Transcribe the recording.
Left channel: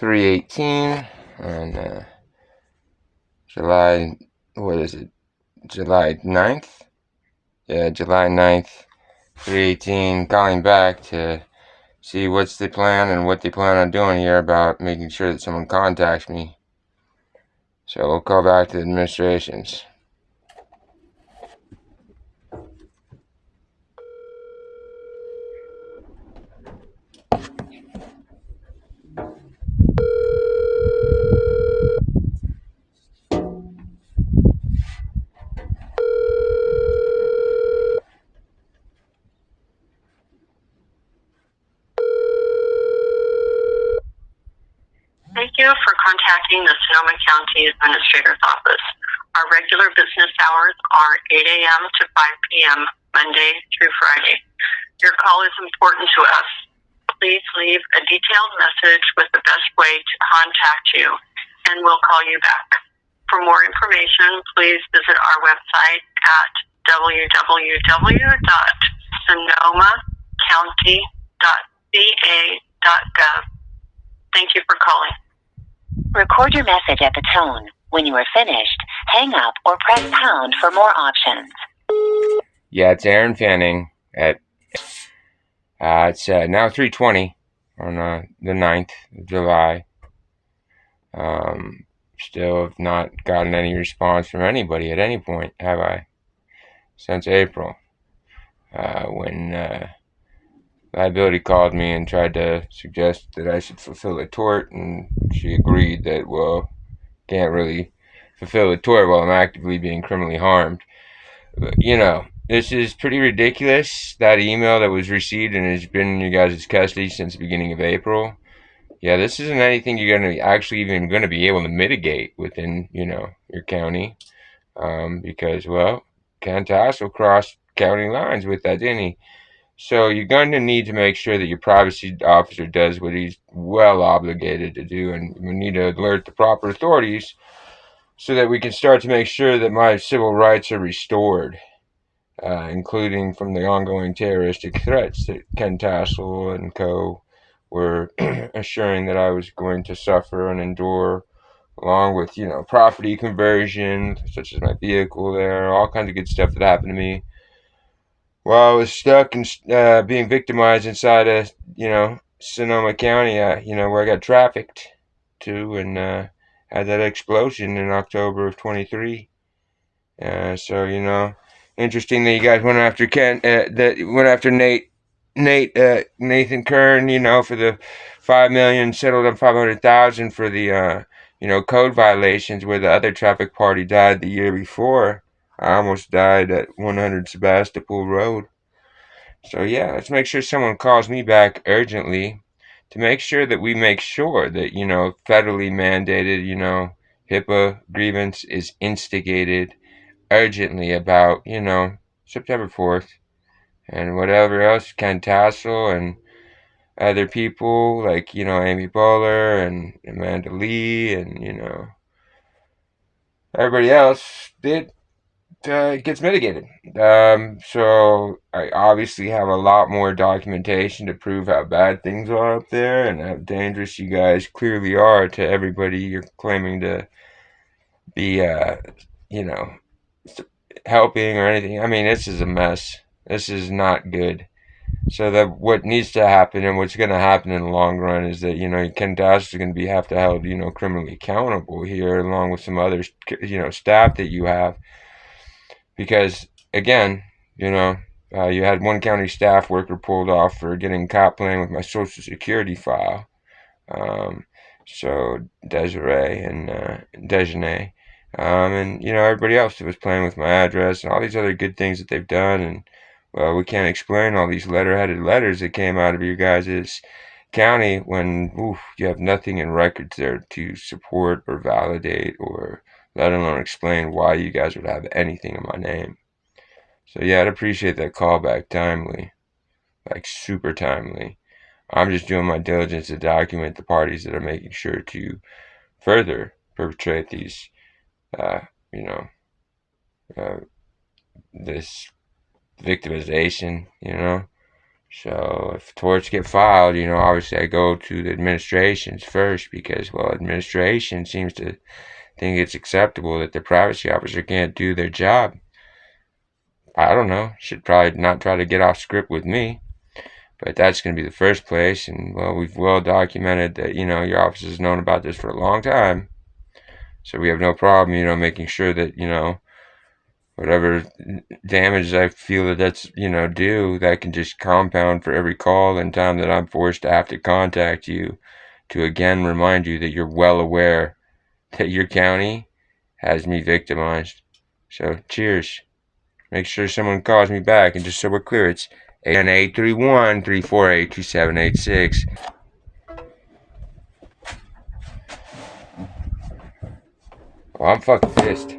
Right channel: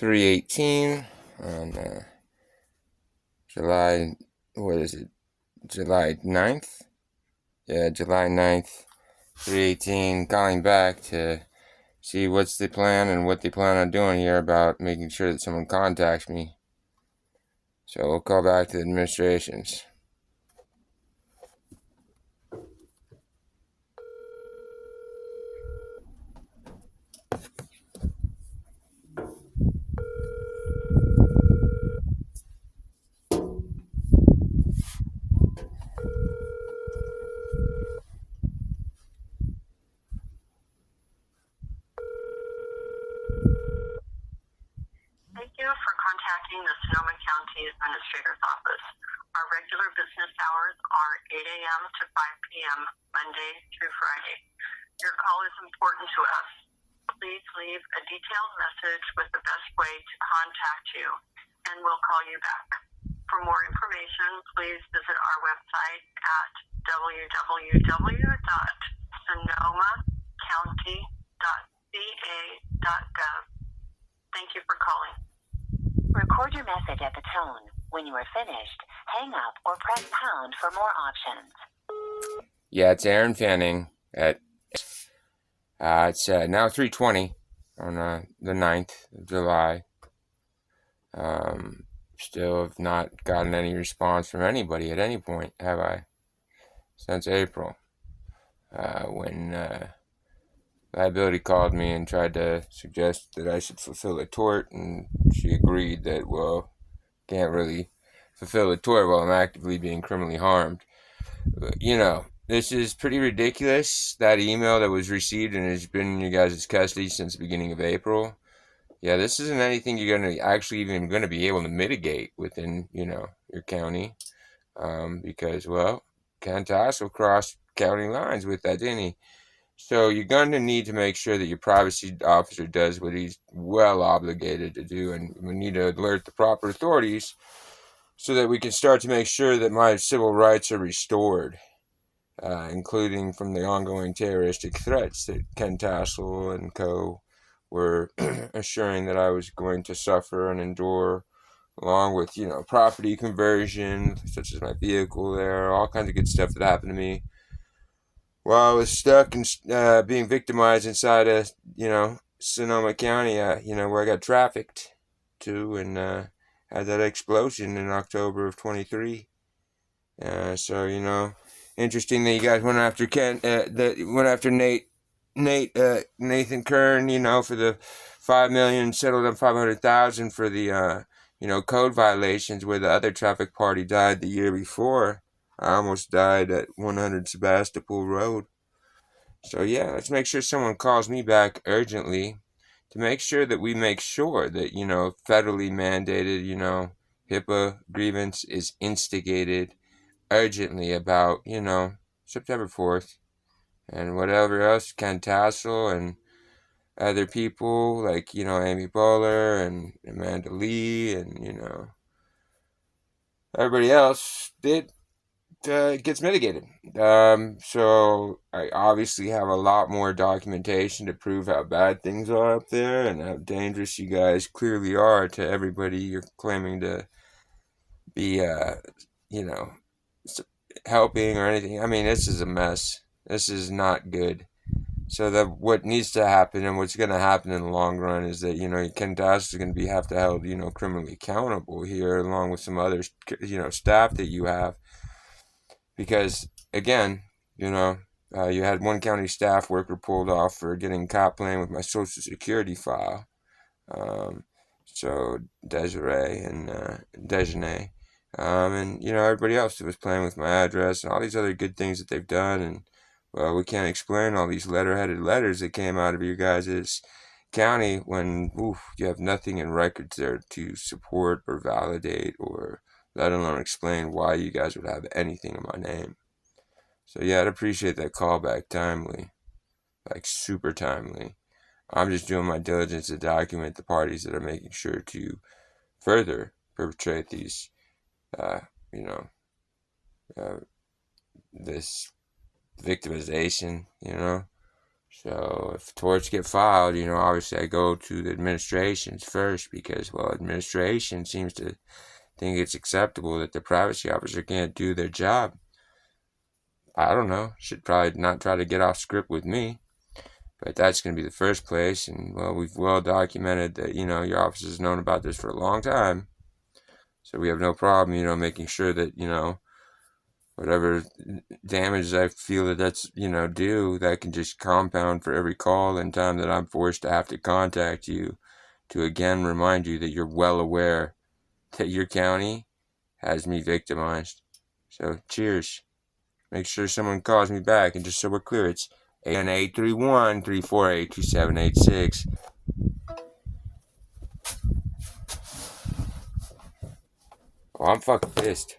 3/18 on July, what is it, July 9th? Yeah, July 9th, 3/18, calling back to see what's the plan and what they plan on doing here about making sure that someone contacts me. So we'll call back to the administrations. Thank you for contacting the Sonoma County Administrator's Office. Our regular business hours are 8 a.m. to 5 p.m. Monday through Friday. Your call is important to us. Please leave a detailed message with the best way to contact you, and we'll call you back. For more information, please visit our website at www.sonomacounty.ca.gov. Thank you for calling. Record your message at the tone. When you are finished, hang up or press pound for more options. Yeah, it's Aaron Fanning at it's now 3:20 on the 9th of July. Still have not gotten any response from anybody at any point, have I? Since April, when liability called me and tried to suggest that I should fulfill a tort, and she agreed that, well, can't really fulfill a tort while I'm actively being criminally harmed. But, this is pretty ridiculous. That email that was received and has been in you guys' custody since the beginning of April. Yeah, this isn't anything you're going to actually even going to be able to mitigate within, your county. Because, well, tassel crossed county lines with that, didn't he? So you're going to need to make sure that your privacy officer does what he's well obligated to do, and we need to alert the proper authorities so that we can start to make sure that my civil rights are restored, including from the ongoing terroristic threats that Ken Tassel and co. were assuring that I was going to suffer and endure, along with, property conversion, such as my vehicle there, all kinds of good stuff that happened to me while I was stuck and being victimized inside of, Sonoma County, where I got trafficked to, and had that explosion in October of 23. So, interesting that you guys went after Nathan Kern, for the $5 million, settled on $500,000 for the, code violations, where the other traffic party died the year before. I almost died at 100 Sebastopol Road. So yeah, let's make sure someone calls me back urgently to make sure that we make sure that, federally mandated, HIPAA grievance is instigated urgently about, September 4th, and whatever else, Ken Tassel and other people like, Amy Bowler and Amanda Lee and, everybody else did. It gets mitigated. So I obviously have a lot more documentation to prove how bad things are up there and how dangerous you guys clearly are to everybody you're claiming to be, helping or anything. I mean, this is a mess. This is not good. So that what needs to happen and what's going to happen in the long run is that, Ken Dash is going to have to held, criminally accountable here, along with some other, staff that you have. Because, again, you had one county staff worker pulled off for getting caught playing with my social security file. So Desiree and Dejanay. And, everybody else that was playing with my address and all these other good things that they've done. And, well, we can't explain all these letter-headed letters that came out of your guys' county when you have nothing in records there to support or validate or let alone explain why you guys would have anything in my name. So yeah, I'd appreciate that call back timely, like super timely. I'm just doing my diligence to document the parties that are making sure to further perpetrate these, this victimization, So if torts get filed, obviously I go to the administrations first because, well, administration seems to think it's acceptable that the privacy officer can't do their job. I don't know. Should probably not try to get off script with me. But that's going to be the first place. And, well, we've well documented that, your office has known about this for a long time. So we have no problem, making sure that, whatever damage I feel that's, due, that can just compound for every call and time that I'm forced to have to contact you to again remind you that you're well aware that your county has me victimized. So, cheers. Make sure someone calls me back, and just so we're clear, it's 831-348-2786. Well, I'm fucking pissed.